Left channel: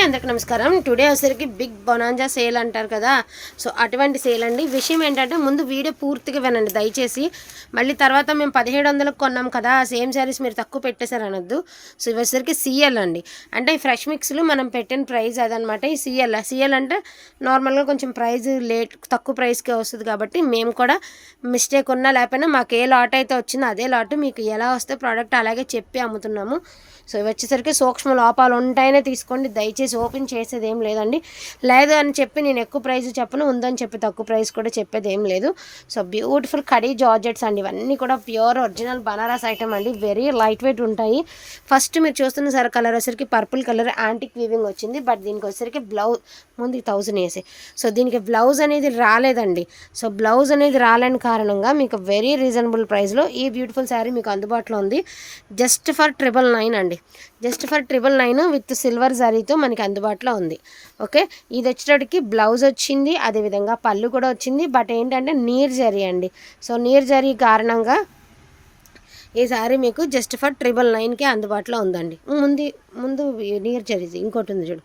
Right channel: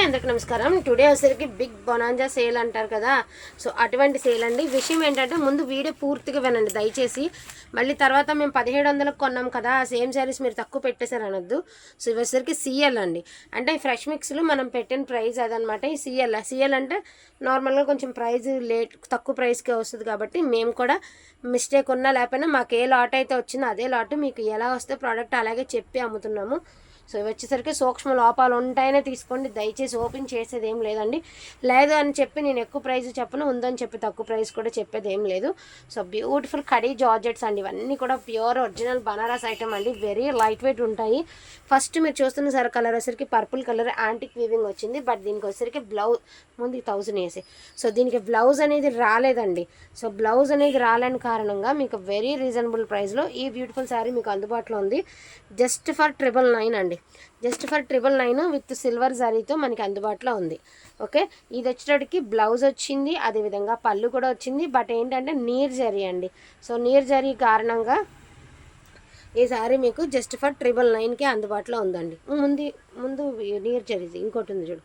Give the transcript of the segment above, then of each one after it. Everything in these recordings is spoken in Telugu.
అందరికి నమస్కారం. టుడే వచ్చేసరికి బిగ్ బొనాంజా సేల్ అంటారు కదా. సో అటువంటి సేల్ అండి. విషయం ఏంటంటే ముందు వీడియో పూర్తిగా వినండి. దయచేసి మళ్ళీ తర్వాత మేము పదిహేడు వందలకు కొన్నాం కదా. సేమ్ శారీస్ మీరు తక్కువ పెట్టేశారు అనొద్దు. సో ఇవి వచ్చేసరికి సీఎల్ అండి. అంటే ఈ ఫ్రెష్ మిక్స్లు మనం పెట్టిన ప్రైస్ అదనమాట. ఈ సిఎల్ సీఎల్ అంటే నార్మల్గా కొంచెం ప్రైస్ లేట్ తక్కువ ప్రైస్కే వస్తుంది కాబట్టి మేము కూడా మిస్టేక్ ఉన్నా లేకపోయినా మాకు ఏ లాట్ అయితే వచ్చిందో అదే లాట్ మీకు ఎలా వస్తే ప్రోడక్ట్ అలాగే చెప్పి అమ్ముతున్నాము. సో ఇవి వచ్చేసరికి సూక్ష్మ లోపాలు ఉంటాయనే తీసుకోండి. దయచేసి ఓపెన్ చేసేది ఏం లేదండి. లేదు అని చెప్పి నేను ఎక్కువ ప్రైస్ చెప్పను ఉందని చెప్పి తక్కువ ప్రైస్ కూడా చెప్పేది ఏం లేదు. సో బ్యూటిఫుల్ కడీ జార్జెట్స్ అండి. ఇవన్నీ కూడా ప్యూర్ ఒరిజినల్ బనారస్ ఐటమ్ అండి. వెరీ లైట్ వెయిట్ ఉంటాయి. ఫస్ట్ మీరు చూస్తున్న సరే కలర్ వచ్చేసరికి పర్పుల్ కలర్ యాంటిక్ వీవింగ్ వచ్చింది. బట్ దీనికి వచ్చేసరికి బ్లౌజ్ ముందు థౌజండ్ వేసి. సో దీనికి బ్లౌజ్ అనేది రాలేదండి. సో బ్లౌజ్ అనేది రాలేని కారణంగా మీకు వెరీ రీజనబుల్ ప్రైస్లో ఈ బ్యూటిఫుల్ శారీ మీకు అందుబాటులో ఉంది. జస్ట్ ఫర్ ట్రిపుల్ నైన్ అండి. Just for triple nine with silver శారీతో మనకి అందుబాటులో ఉంది. ఓకే? ఇది వచ్చేటప్పటికి బ్లౌజ్ వచ్చింది అదేవిధంగా పళ్ళు కూడా వచ్చింది. బట్ ఏంటంటే నీర్ జరీ అండి. సో నీర్ జరీ కారణంగా ఈ సారీ మీకు జస్ట్ ఫర్ ట్రిపుల్ నైన్కే అందుబాటులో ఉందండి. ముందు ముందు నీర్ జరీ ఇంకోటి ఉంది చూడు.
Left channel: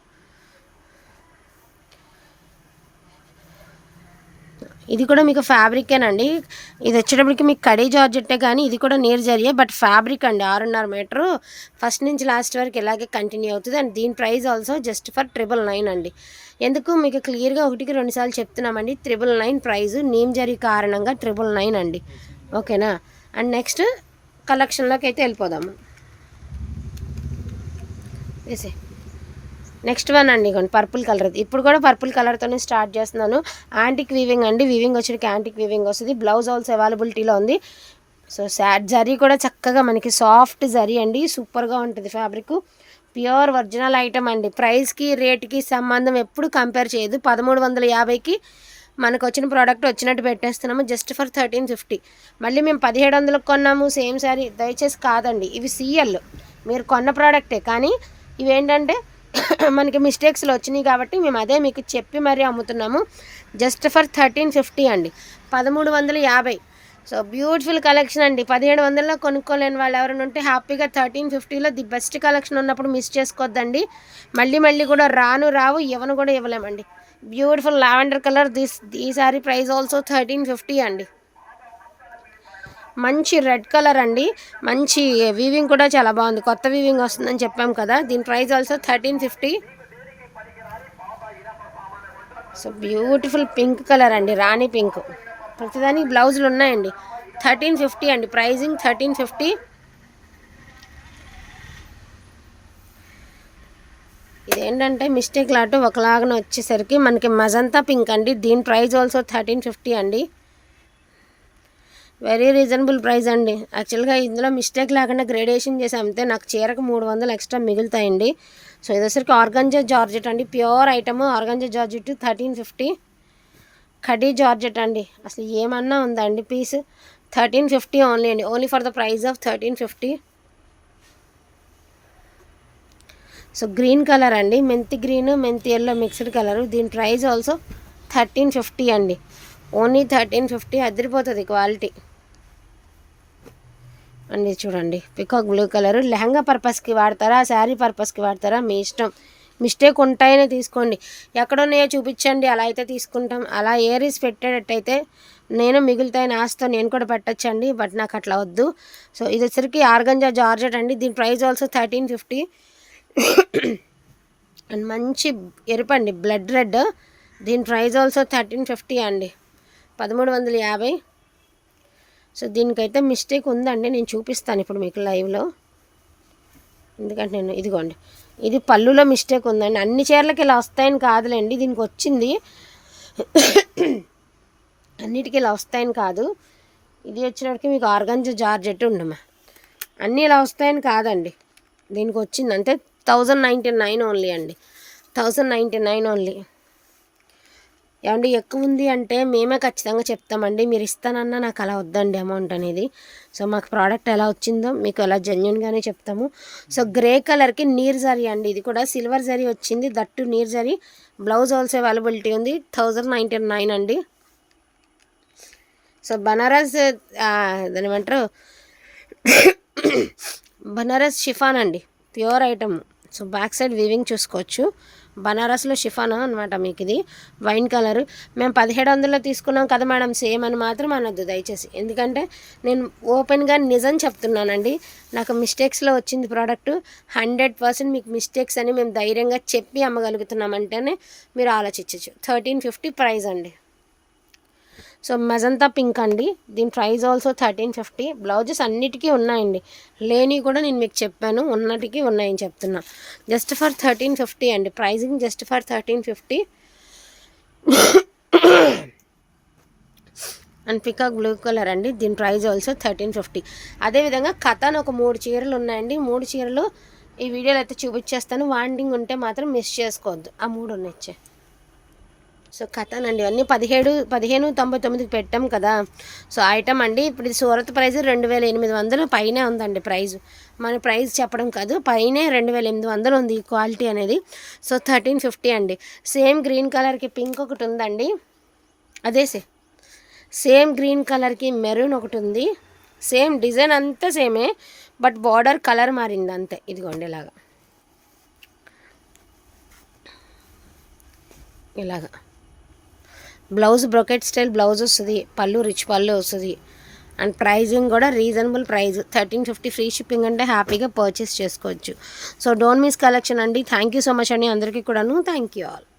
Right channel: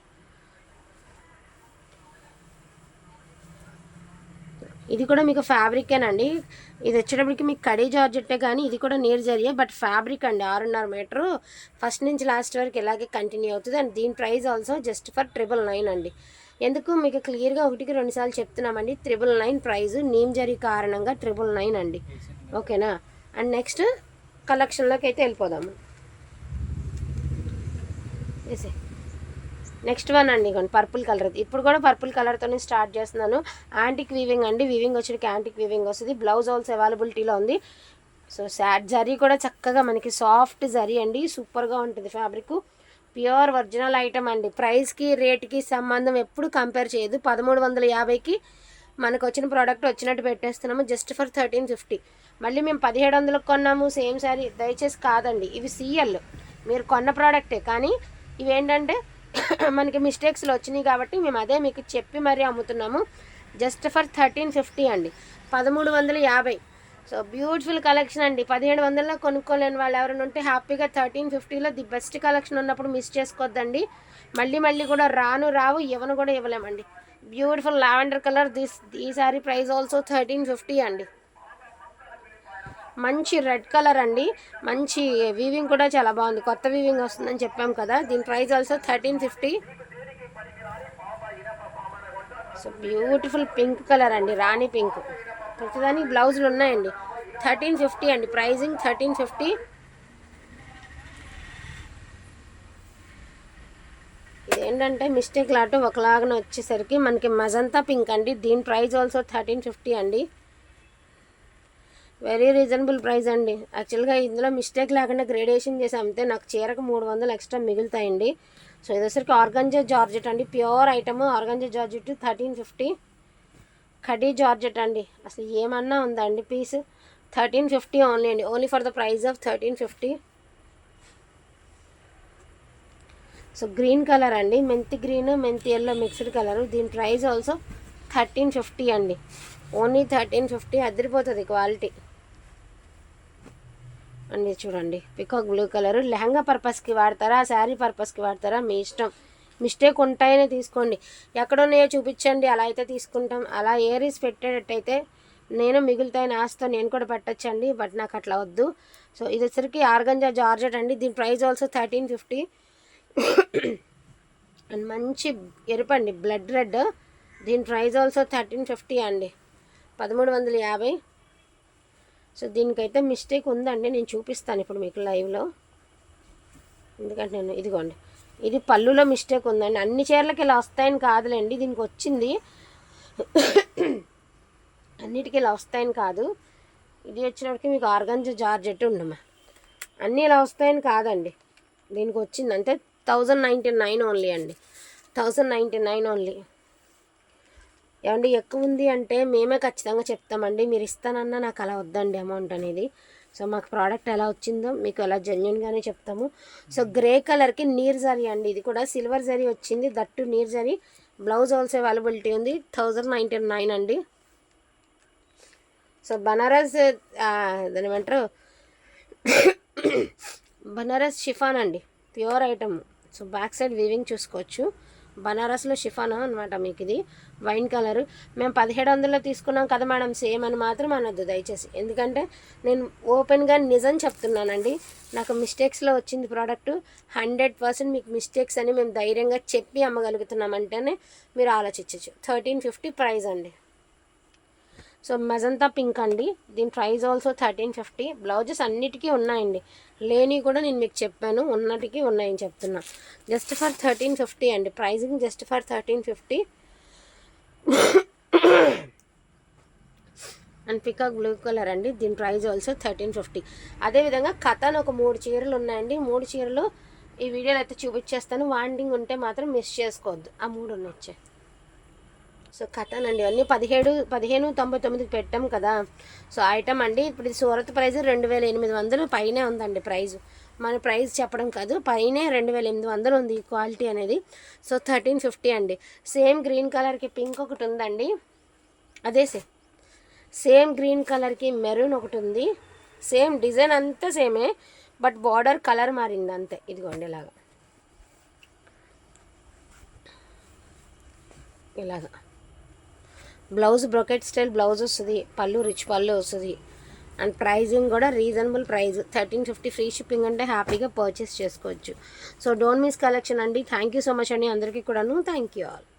ఇది కూడా మీకు ఫ్యాబ్రికేనండి ఇది వచ్చేటప్పటికి మీకు కడీ జార్జెట్టే కానీ ఇది కూడా నేర్ జరిగే బట్ ఫ్యాబ్రిక్ అండి ఆరున్నర మీటరు. ఫస్ట్ నుంచి లాస్ట్ వరకు ఇలాగే కంటిన్యూ అవుతుంది. అండ్ దీని price also just for triple nine అండి. ఎందుకు? మీకు క్లియర్గా ఒకటికి రెండుసార్లు చెప్తున్నామండి. ట్రిపుల్ నైన్ ప్రైజు నీమ్ జరీ కారణంగా ట్రిపుల్ నైన్ అండి. ఓకేనా? అండ్ నెక్స్ట్ కలెక్షన్లోకి అయితే వెళ్ళిపోదాము. వేసే నెక్స్ట్ వన్ అండి ఇగోండి పర్పుల్ కలర్ ఇప్పుడు కూడా పర్పుల్ కలర్తోనే స్టార్ట్ చేస్తున్నాను. యాంటిక్ వీవింగ్ అండి వీవింగ్ వచ్చేటికి యాంటిక్ వీవింగ్ వస్తుంది. బ్లౌజ్ ఆల్స్ అవైలబిలిటీలో ఉంది. సో శాడ్ జరీ కూడా చక్కగా మనకి సాఫ్ట్ జరీ అండి సూపర్గా ఉంటుంది ఫ్యాబ్రిక్ ప్యూర్ ఒరిజినల్ ఐటమ్ అండి. ప్రైస్కి రేట్కి సంబంధం ఎప్పుడు కంపేర్ చేయదు. పదమూడు వందల యాభైకి మనకు వచ్చిన ప్రోడక్ట్ వచ్చినట్టు పెట్టేస్తున్నాము. జస్ట్ ఫర్ థర్టీన్ ఫిఫ్టీ మళ్ళీ మేము పదిహేడు వందలకు కొన్నాము. సేమ్ శారీ దయచేసి కాదండి. ఇవి సీఎల్ మీరు కొన్న ప్రోడక్టే కానీ ఇవేంటంటే మనకి మిస్టేక్స్లో వచ్చినాయి కాబట్టి మేము అదే మీకు చెప్పి మరీ అమ్ముతున్నాము. జస్ట్ ఫర్ థర్టీన్ ఫిఫ్టీ అండి. పదమూడు వందల యాభై. సో బ్యూటిఫుల్ కలెక్షన్ అండి. పదిహేడు వందల్లో కొనుక్కోలేని వాళ్ళు ఎవరైనా ఉంటే హ్యాపీగా థర్టీన్ ఫిఫ్టీలో ది బెస్ట్ కలెక్షన్ ఉన్నప్పుడు మిస్ చేసుకోవద్దండి మళ్ళీ మళ్ళీ కూడా రాను రావు ఇవ్వను కూడా ఇవ్వలేమండి. Beautiful lavender colour. దిస్ ఈ sari price also thirteen fifty అండి. మంచి రెడ్ కలర్ అండి. మంచి వీవింగ్ కూడా చాలా బాగుంది. కొత్త వీవింగ్ వస్తుందని చెప్పాం కదా. దీని price also thirteen fifty so beautiful pink colour అండి. రాణి పింక్ ప్రతిదానికి బ్లౌజులు ఉన్నాయండి. థర్టీన్ ఫిఫ్టీ అండి. ప్రైజింగ్ థర్టీన్ ఫిఫ్టీ ఇదేంటంటే మిస్టేక్ లాటు ఒకలాగా వచ్చేసరికి మనకి మజంతా పింక్ అండి. దీని ప్రైస్ ఆల్సో థర్టీన్ ఫిఫ్టీ అండి. వెరీ రీజనబుల్ ప్రైస్ అండి. యాక్చువల్గా ఇందులో మిస్టేక్ లేకుండా గ్రేడేషన్ చేసి అమ్మితే నాకు చీరకు మూడు వందలు ఎక్స్ట్రా మిగులుతాయండి. సో ఇదొసరికి ఆర్గంజా జార్జెట్ అండి. Pure item organza georgette thirteen fifty khadi georgette అండి. అసలు ఏమన్నా ఉందా అండి పీస్ థర్టీన్ ఫిఫ్టీ ఓన్లీ అండి. Only for the price of thirteen fifty so green colour అండి. మెంతి గ్రీన్ మెంతి ఎల్లో మిక్స్డ్ కలర్ దీని ప్రైస్ ఆల్సో థర్టీన్ ఫిఫ్టీ అండి. ఓన్లీ థర్టీన్ ఫిఫ్టీ అదిరిపోతుంది క్వాలిటీ అండి చూడండి. Peacock blue colour. లెహంగా పర్పస్కి వాడతారా? శారీ పర్పస్కి వాడతారా? మీ ఇష్టం. మిస్టేక్ ఉంటాయనే తీసుకోండి. ఎక్కడున్నాయో చూపించండి. అలా అయితే తీసుకుంటాం. అలా ఏరీస్ పెట్టేటట్టయితే నేను మిగులుతాయని ఆస్తో నేను కూడా పెట్టచ్చండి బట్ నాకు అట్లా వద్దు. సో ఇది వచ్చరికి ఆర్గంజా జార్జెట్ అండి. దీని price also thirteen fifty. And మంచి ఎరుపండి బ్లడ్ రెడ్. దీని ప్రైస్ ఆల్సో థర్టీన్ ఫిఫ్టీ అండి. పదమూడు వందల యాభై. సో దీనికైతే మిస్టేక్ ఉందండి నేను చూపిస్తాను ఇప్పుడు మీకు లైవ్లో. ఎందుకంటే నేను ఇదిగోండి ఇది పళ్ళులో మిస్టేక్ ఉందండి. అన్ని చీరలకి ఇలా వస్తాయని కాదులేండి దీనికి వచ్చింది. అన్నిటికీ ఇలా వస్తాయని కాదు. ఇది వచ్చినప్పటికి మీకు ఆర్గంజ జార్జెట్ ఉండమా. అన్నీ ఇలా వస్తాయని కాదండి. దీనికి వచ్చింది అంటే థౌజండ్ నైంటీ నైన్ ఓన్లీ అండి. థౌజండ్ నైంటీ నైన్ ఓన్లీ ఏమండి ఎక్కువ ఉంది అంటే మేమే ఖచ్చితంగా చెప్తామండి. మీరు ఇస్తానన్నా నాకు అలా వద్దండి అమౌంట్ అనేది. సో మాకు ప్రోడక్ట్ ఎలా వచ్చిందో మీకు అలా జెన్యున్గానే చెప్తాము. సో గ్రే కలర్కి నీర్ జరీ అండి. ఇది కూడా సిల్వర్ జరీ వచ్చింది. దట్టు నీర్ జరీ. బ్లౌజ్ ఆల్సో అవైలబిలిటీ ఉంది. థౌజండ్ నైంటీ నైన్ అండి. సో బనారస్ దాని ఏమంటారు? బనారస్ షిఫాన్ అండి. Pure item. So back side weaving చూసుకోవచ్చు. బనారస్లో షిఫానా అనమాట మీకు ఇది వైన్ కలర్. మేము పదిహేడు వందలు తీసుకున్నాం కదా మేడం సేమ్ అని మాత్రం అనొద్దు దయచేసి. ఎందుకంటే నేను ఓపెన్గా నిజం చెప్తున్నానండి. నాకు మిస్టేక్స్లో వచ్చింది ప్రోడక్ట్. హండ్రెడ్ పర్సెంట్ మీకు మిస్టేక్స్ అని మేము ధైర్యంగా చెప్పి అమ్మగలుగుతున్నామంటేనే మీరు ఆలోచించవచ్చు థర్టీన్ ఫిఫ్టీ ప్రైస్ అండి. సో మెజంతా పింక్ అండి. దీని price also thirteen fifty blouses అన్నిటికీ ఉన్నాయండి. లేని కూడా నేను మీకు చెప్పాను. ఉన్నటికి ఉన్నాయని చెప్తున్నా. జస్ట్ ఫర్ థర్టీన్ ఫిఫ్టీ అండి. Pricing just for thirteen fifty and peacock blue colour అండి. దీని ప్రైస్ ఆల్సో థర్టీన్ ఫిఫ్టీ అదేవిధంగా కథన్ ఒక మూడు చీరలు ఉన్నాయండి. మూడు చీరలు ఈ వీడియోలో అయితే చూపించేస్తాను. వాండింగ్ ఉంటే మాత్రం మిస్ చేసుకోవద్దు. ఆ మూడు ఉన్నాయి. సో కథన్ అండి అన్నీ పదిహేడు పదిహేను తొంభై తొమ్మిదికి పెట్టాం కదా. సో ఐటమ్ అండి ఇప్పుడు ఇది సూరత్ ప్రైజ్ రెండు వేల ఎనిమిది వందలు పైనే ఉందండి ప్రైజ్. మన ప్రైస్ చెప్పడం కాదు పైనే రెండు వేల ఎనిమిది వందలు ఉంది ఈ క్వాలిటీ అనేది. సో థర్టీన్ ఫిఫ్టీ అండి. సేమ్ గ్రీన్ కలర్కి పింక్ ఒకటి ఉందండి. అదే సే సేమ్ గ్రీన్ కలర్కి మెరూన్ ఒకటి ఉంది. సేమ్ డిజైన్ అంతా సేమే బట్ బార్డర్ కలర్ మారింది అంతే. ఇదిగోండి ఇలాగా. ఇలాగా. బ్లౌజ్ బ్రొకెట్ స్టైల్ బ్లౌజ్ వస్తుంది పళ్ళు రిచ్ పళ్ళు వస్తుంది. అండ్ ప్రైజింగ్ కూడా reasonable price thirteen fifty free shipping అంటే హ్యాపీగా పర్చేస్ చేసుకోవచ్చు. సో డోంట్ మిస్ కలెక్షన్ అండి. థ్యాంక్ యూ సో మచ్ అండి అందరికీ కూడాను. Thank you all.